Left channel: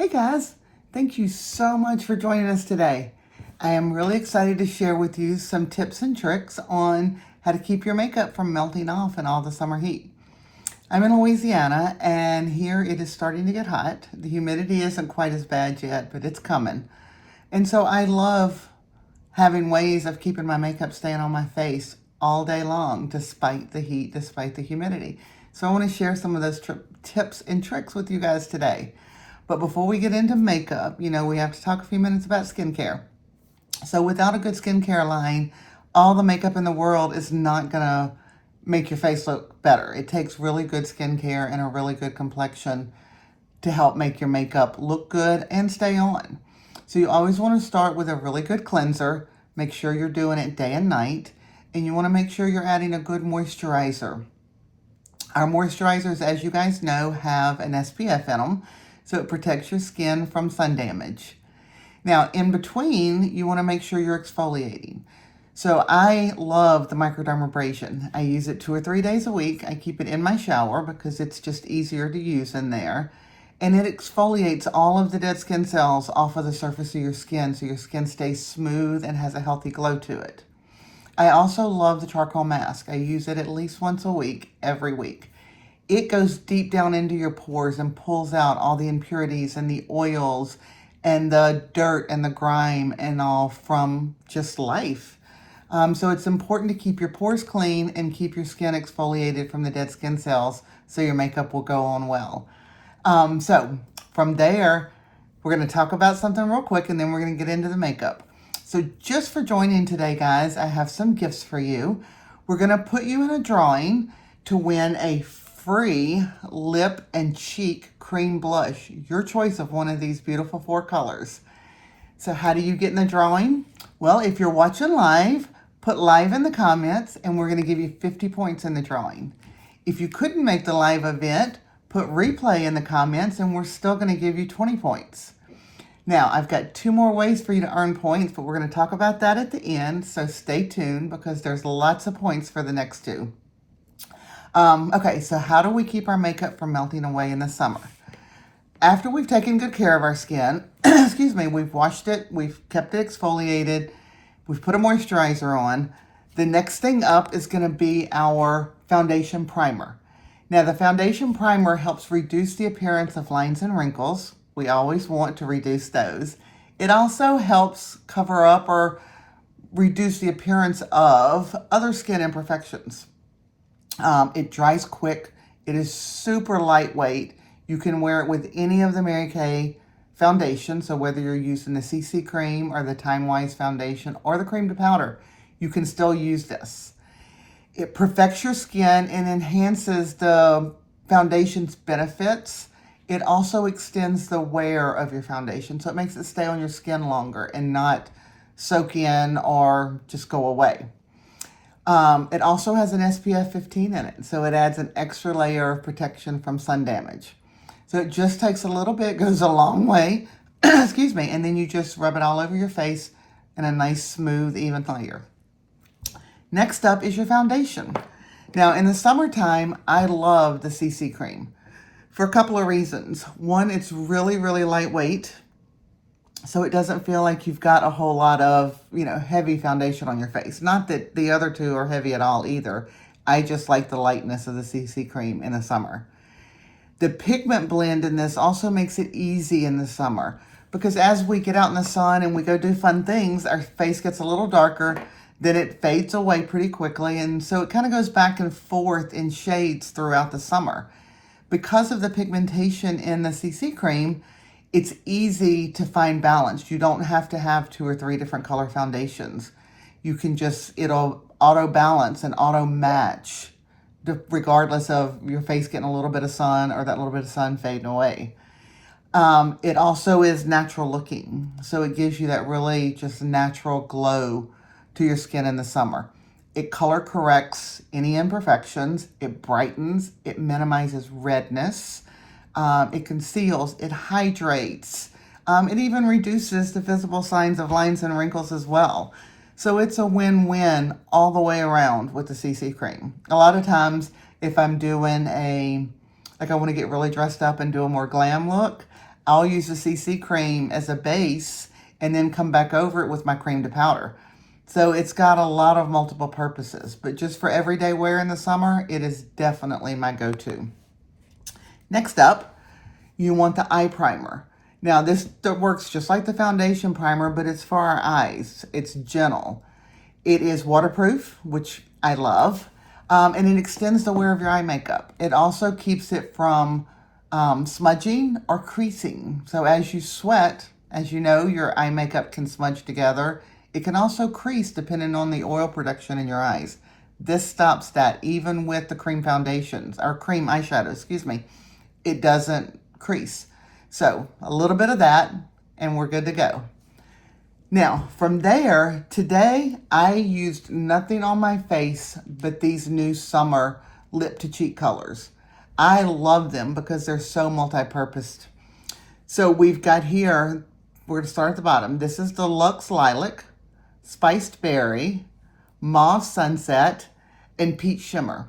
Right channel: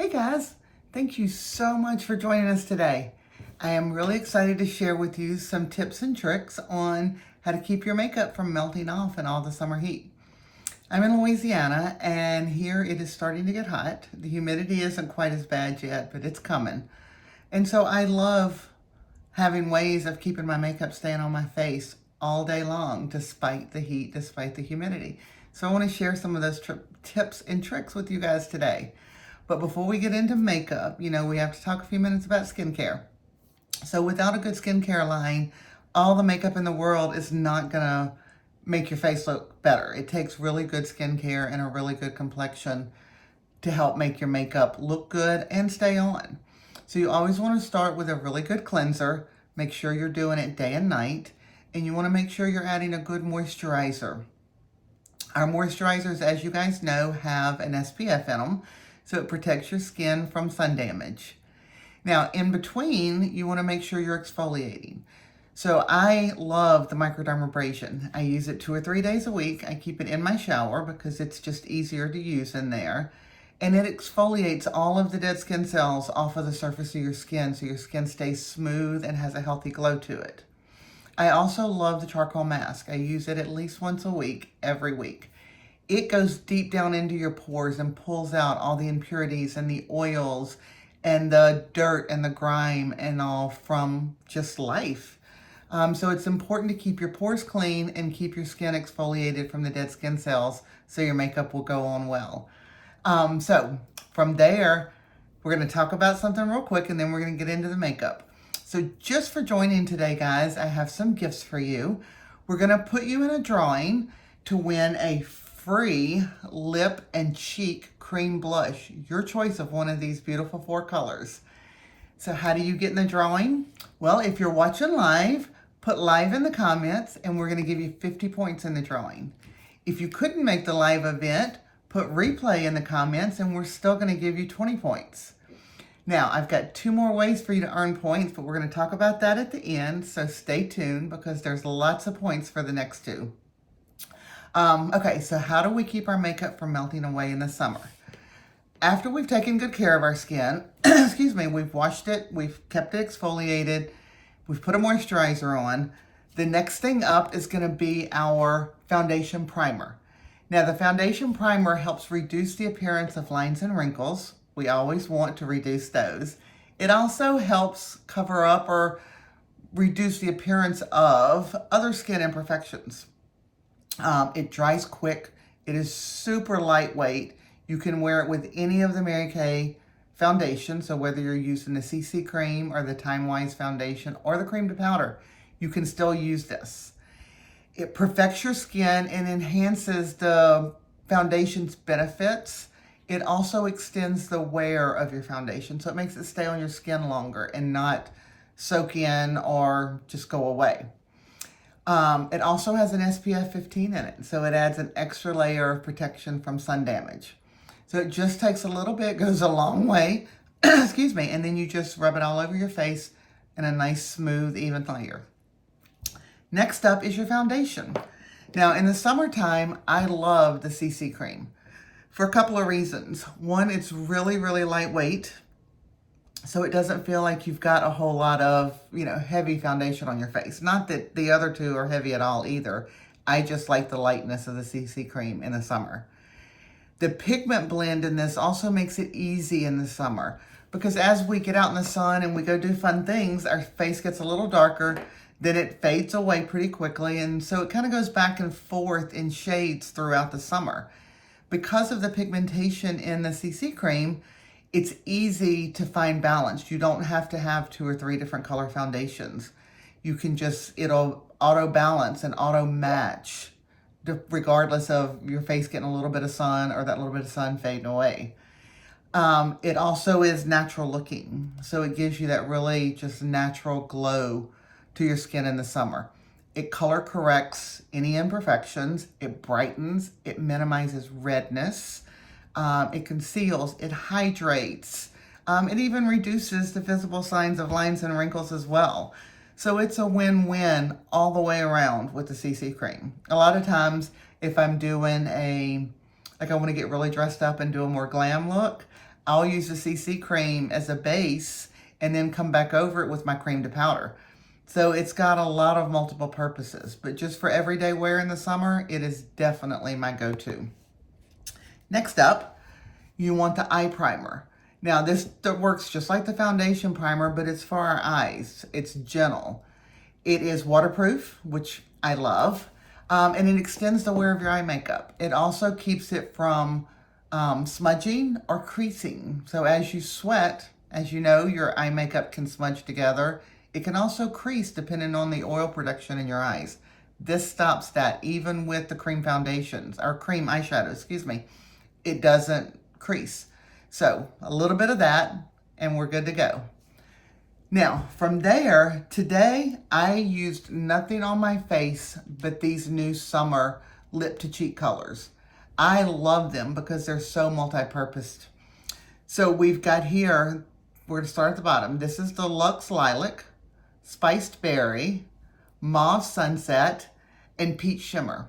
Hey guys, thank you so much for joining us today. I am really excited to share with you some tips and tricks on how to keep your makeup from melting off in all the summer heat. I'm in Louisiana and here it is starting to get hot. The humidity isn't quite as bad yet, but it's coming. And so I love having ways of keeping my makeup staying on my face all day long, despite the heat, despite the humidity. So I want to share some of those tips and tricks with you guys today. But before we get into makeup, we have to talk a few minutes about skincare. So without a good skincare line, all the makeup in the world is not going to make your face look better. It takes really good skincare and a really good complexion to help make your makeup look good and stay on. So you always want to start with a really good cleanser. Make sure you're doing it day and night. And you want to make sure you're adding a good moisturizer. Our moisturizers, as you guys know, have an SPF in them, so it protects your skin from sun damage. Now, in between, you want to make sure you're exfoliating. So I love the microdermabrasion. I use it 2 or 3 days a week. I keep it in my shower because it's just easier to use in there. And it exfoliates all of the dead skin cells off of the surface of your skin so your skin stays smooth and has a healthy glow to it. I also love the charcoal mask. I use it at least once a week, every week. It goes deep down into your pores and pulls out all the impurities and the oils and the dirt and the grime and all from just life. So it's important to keep your pores clean and keep your skin exfoliated from the dead skin cells so your makeup will go on well. So from there, we're going to talk about something real quick and then we're going to get into the makeup. So just for joining today, guys, I have some gifts for you. We're going to put you in a drawing to win a free lip and cheek cream blush, your choice of one of these beautiful 4 colors. So how do you get in the drawing? Well, if you're watching live, put live in the comments and we're going to give you 50 points in the drawing. If you couldn't make the live event, put replay in the comments and we're still going to give you 20 points. Now, I've got 2 more ways for you to earn points, but we're going to talk about that at the end, so stay tuned because there's lots of points for the next 2. Okay, so how do we keep our makeup from melting away in the summer? After we've taken good care of our skin, excuse me, we've washed it, we've kept it exfoliated, we've put a moisturizer on, the next thing up is going to be our foundation primer. Now, the foundation primer helps reduce the appearance of lines and wrinkles. We always want to reduce those. It also helps cover up or reduce the appearance of other skin imperfections. It dries quick. It is super lightweight. You can wear it with any of the Mary Kay foundation. So whether you're using the CC cream or the Time Wise foundation or the cream to powder, you can still use this. It perfects your skin and enhances the foundation's benefits. It also extends the wear of your foundation. So it makes it stay on your skin longer and not soak in or just go away. It also has an SPF 15 in it, so it adds an extra layer of protection from sun damage. So it just takes a little bit, goes a long way, excuse me, and then you just rub it all over your face in a nice, smooth, even layer. Next up is your foundation. Now, in the summertime, I love the CC cream for a couple of reasons. One, it's really, really lightweight, so it doesn't feel like you've got a whole lot of, heavy foundation on your face. Not that the other 2 are heavy at all either. I just like the lightness of the CC cream in the summer. The pigment blend in this also makes it easy in the summer because as we get out in the sun and we go do fun things, our face gets a little darker, then it fades away pretty quickly. And so it kind of goes back and forth in shades throughout the summer. Because of the pigmentation in the CC cream, it's easy to find balance. You don't have to have 2 or 3 different color foundations. You can it'll auto balance and auto match regardless of your face getting a little bit of sun or that little bit of sun fading away. It also is natural looking. So it gives you that really just natural glow to your skin in the summer. It color corrects any imperfections. It brightens. It minimizes redness. It conceals, it hydrates, it even reduces the visible signs of lines and wrinkles as well. So it's a win-win all the way around with the CC cream. A lot of times, if I'm doing I want to get really dressed up and do a more glam look, I'll use the CC cream as a base and then come back over it with my cream to powder. So it's got a lot of multiple purposes, but just for everyday wear in the summer, it is definitely my go-to. Next up, you want the eye primer. Now this works just like the foundation primer, but it's for our eyes. It's gentle. It is waterproof, which I love, and it extends the wear of your eye makeup. It also keeps it from smudging or creasing. So as you sweat, as you know, your eye makeup can smudge together. It can also crease depending on the oil production in your eyes. This stops that even with the cream foundations, or cream eyeshadow, excuse me. It doesn't crease. So a little bit of that and we're good to go. Now from there, today I used nothing on my face but these new summer lip to cheek colors. I love them because they're so multi-purposed. So we've got here, we're gonna start at the bottom. This is the Luxe Lilac, Spiced Berry, Mauve Sunset, and Peach Shimmer.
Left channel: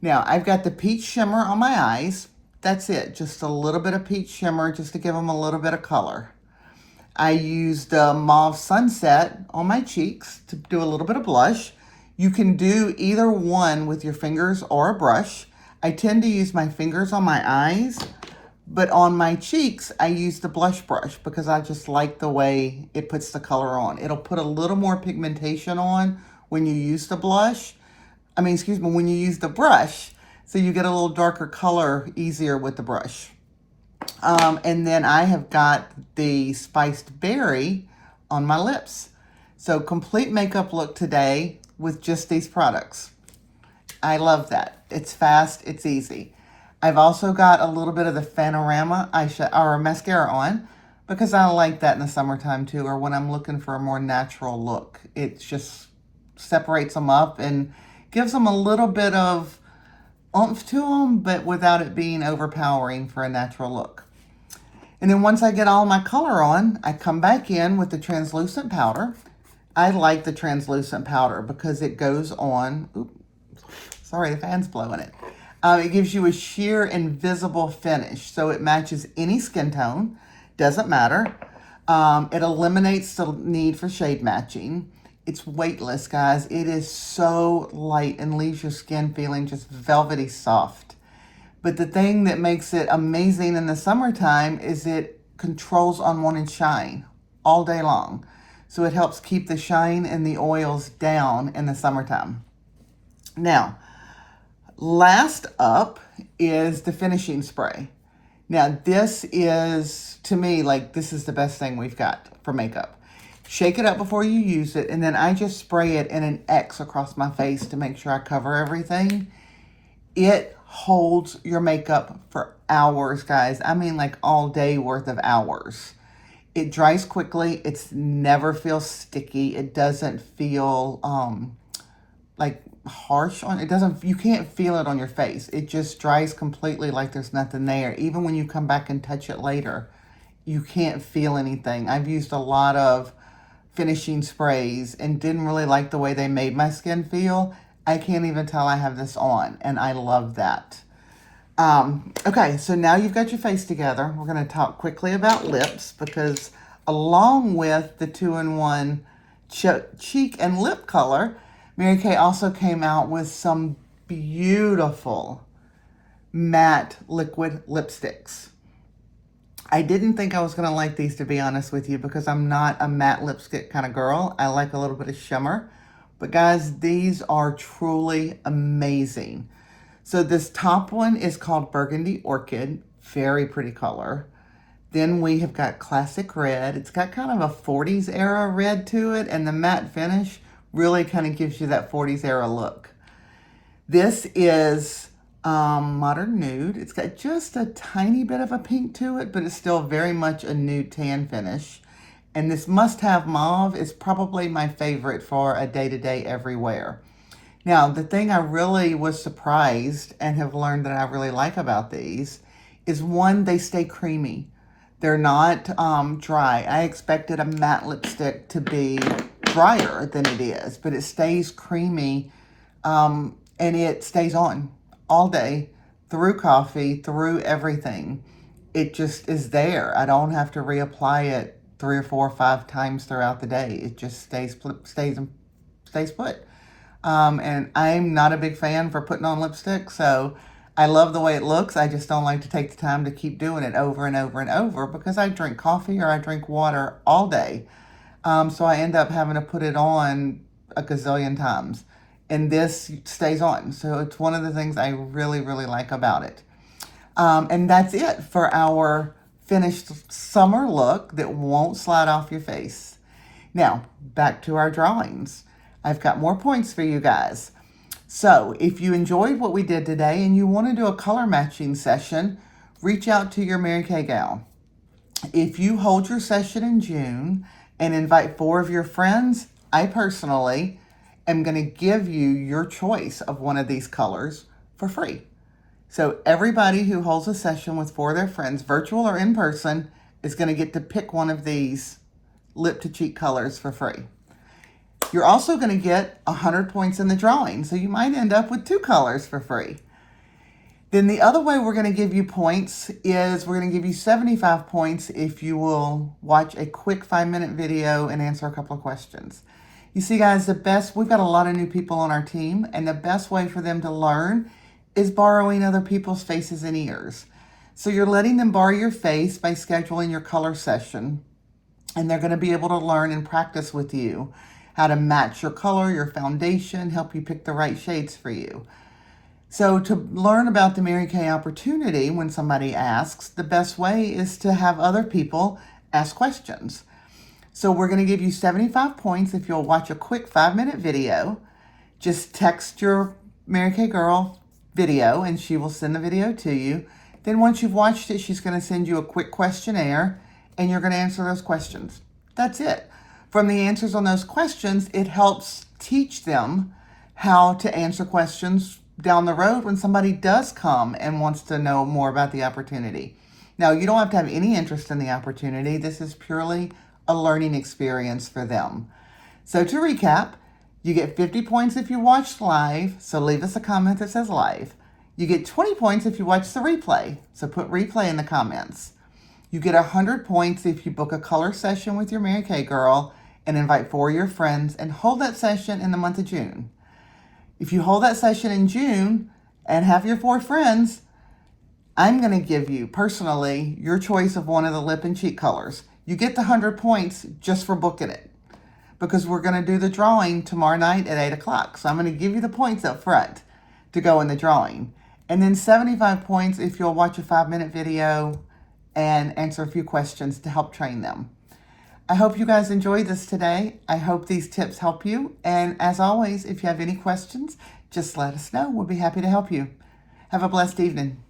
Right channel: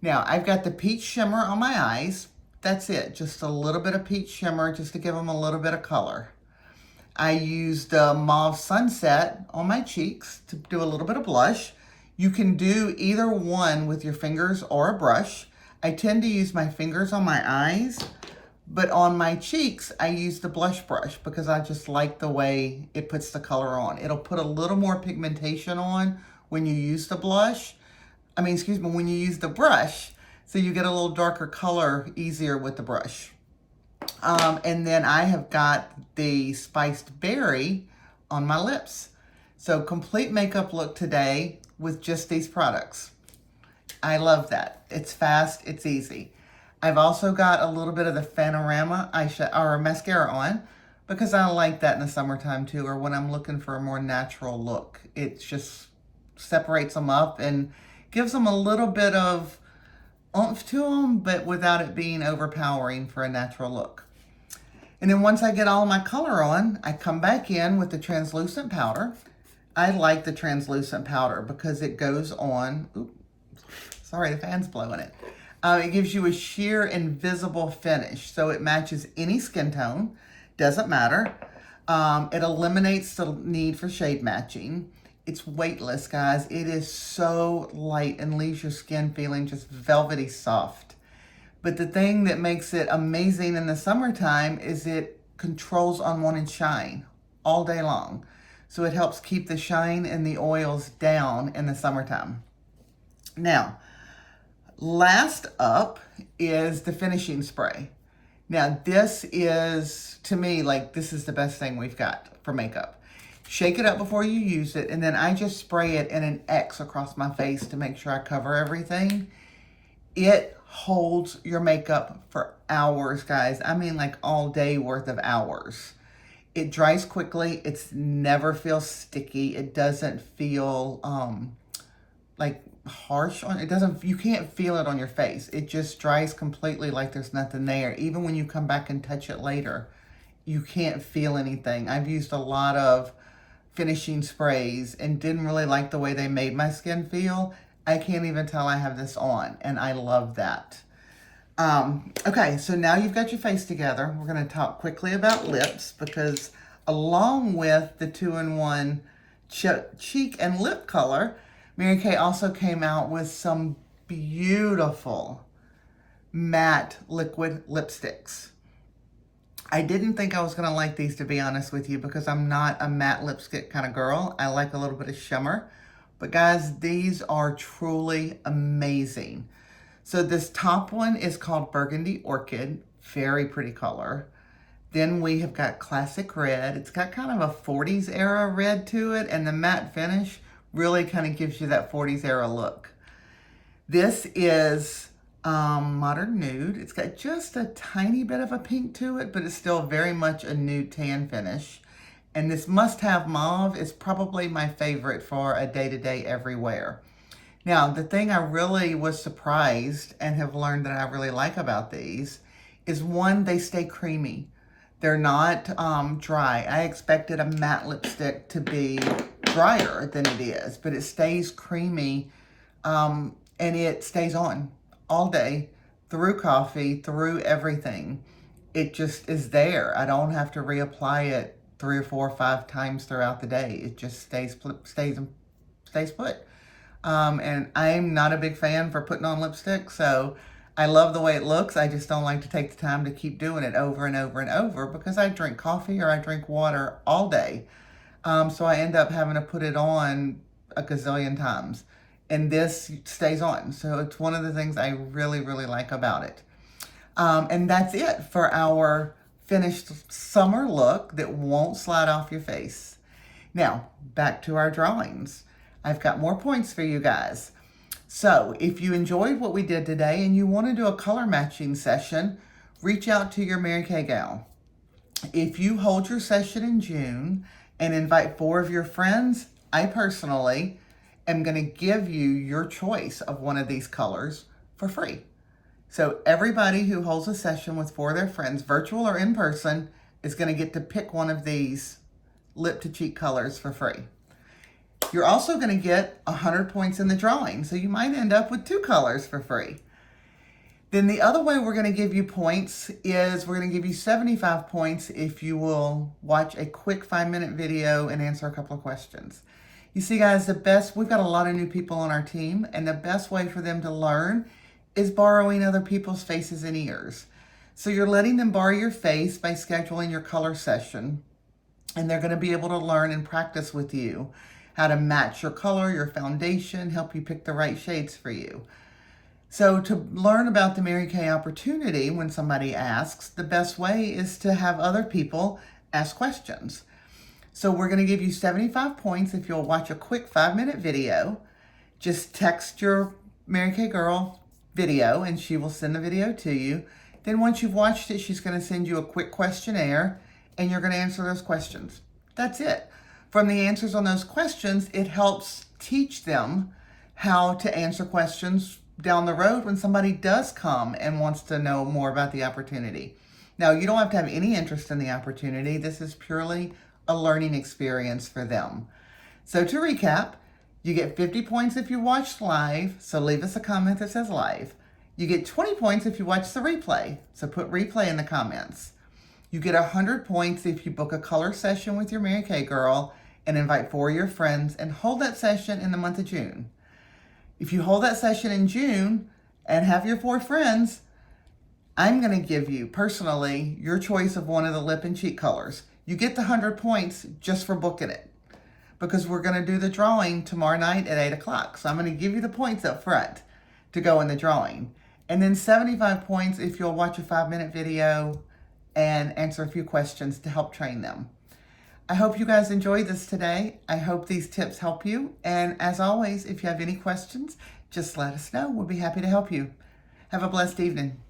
Now I've got the Peach Shimmer on my eyes. That's it, just a little bit of peach shimmer just to give them a little bit of color. I used the Mauve Sunset on my cheeks to do a little bit of blush. You can do either one with your fingers or a brush. I tend to use my fingers on my eyes, but on my cheeks, I use the blush brush because I just like the way it puts the color on. It'll put a little more pigmentation on when you use the blush. When you use the brush, so you get a little darker color easier with the brush. And then I have got the Spiced Berry on my lips. So complete makeup look today with just these products. I love that. It's fast, it's easy. I've also got a little bit of the Fanorama eyeshadow or mascara on because I like that in the summertime too, or when I'm looking for a more natural look. It just separates them up and gives them a little bit of oomph to them, but without it being overpowering for a natural look. And then once I get all my color on, I come back in with the translucent powder. I like the translucent powder because it goes on, sorry, the fan's blowing it. It gives you a sheer invisible finish. So it matches any skin tone, doesn't matter. It eliminates the need for shade matching. It's weightless, guys. It is so light and leaves your skin feeling just velvety soft. But the thing that makes it amazing in the summertime is it controls unwanted shine all day long. So it helps keep the shine and the oils down in the summertime. Now, last up is the finishing spray. Now, this is, to me, this is the best thing we've got for makeup. Shake it up before you use it, and then I just spray it in an X across my face to make sure I cover everything. It holds your makeup for hours, guys. I mean, all day worth of hours. It dries quickly. It's never feels sticky. It doesn't feel harsh on it. Doesn't, you can't feel it on your face. It just dries completely like there's nothing there. Even when you come back and touch it later, you can't feel anything. I've used a lot of finishing sprays and didn't really like the way they made my skin feel. I can't even tell I have this on, and I love that. Okay, so now you've got your face together. We're going to talk quickly about lips because along with the 2-in-1 cheek and lip color, Mary Kay also came out with some beautiful matte liquid lipsticks. I didn't think I was going to like these, to be honest with you, because I'm not a matte lipstick kind of girl. I like a little bit of shimmer. But guys, these are truly amazing. So this top one is called Burgundy Orchid. Very pretty color. Then we have got Classic Red. It's got kind of a 40s era red to it, and the matte finish really kind of gives you that 40s era look. This is Modern Nude. It's got just a tiny bit of a pink to it, but it's still very much a nude tan finish. And this Must Have Mauve is probably my favorite for a day-to-day everywhere. Now, the thing I really was surprised and have learned that I really like about these is, one, they stay creamy. They're not dry. I expected a matte lipstick to be drier than it is, but it stays creamy and it stays on all day, through coffee, through everything. it just is there. I don't have to reapply it 3 or 4 or 5 times throughout the day. It just stays put. And I'm not a big fan for putting on lipstick, so I love the way it looks. I just don't like to take the time to keep doing it over and over and over because I drink coffee or I drink water all day. So I end up having to put it on a gazillion times. And this stays on. So it's one of the things I really, really like about it. And that's it for our finished summer look that won't slide off your face. Now, back to our drawings. I've got more points for you guys. So if you enjoyed what we did today and you want to do a color matching session, reach out to your Mary Kay gal. If you hold your session in June and invite 4 of your friends, I personally am going to give you your choice of one of these colors for free. So everybody who holds a session with 4 of their friends, virtual or in person, is going to get to pick one of these lip to cheek colors for free. You're also going to get 100 points in the drawing, so you might end up with 2 colors for free. Then the other way we're going to give you points is we're going to give you 75 points if you will watch a quick 5-minute video and answer a couple of questions. You see, guys, we've got a lot of new people on our team, and the best way for them to learn is borrowing other people's faces and ears. So you're letting them borrow your face by scheduling your color session, and they're going to be able to learn and practice with you how to match your color, your foundation, help you pick the right shades for you. So to learn about the Mary Kay opportunity when somebody asks, the best way is to have other people ask questions. So we're going to give you 75 points if you'll watch a quick 5-minute video. Just text your Mary Kay girl video and she will send the video to you. Then once you've watched it, she's going to send you a quick questionnaire and you're going to answer those questions. That's it. From the answers on those questions, it helps teach them how to answer questions down the road when somebody does come and wants to know more about the opportunity. Now, you don't have to have any interest in the opportunity. This is purely a learning experience for them. So to recap, you get 50 points if you watched live, so leave us a comment that says live. You get 20 points if you watch the replay, so put replay in the comments. You get 100 points if you book a color session with your Mary Kay girl and invite 4 of your friends and hold that session in the month of June. If you hold that session in June and have your 4 friends, I'm going to give you, personally, your choice of one of the lip and cheek colors. You get the 100 points just for booking it because we're going to do the drawing tomorrow night at 8 o'clock. So I'm going to give you the points up front to go in the drawing. And then 75 points if you'll watch a 5-minute video and answer a few questions to help train them. I hope you guys enjoyed this today. I hope these tips help you. And as always, if you have any questions, just let us know. We'll be happy to help you. Have a blessed evening.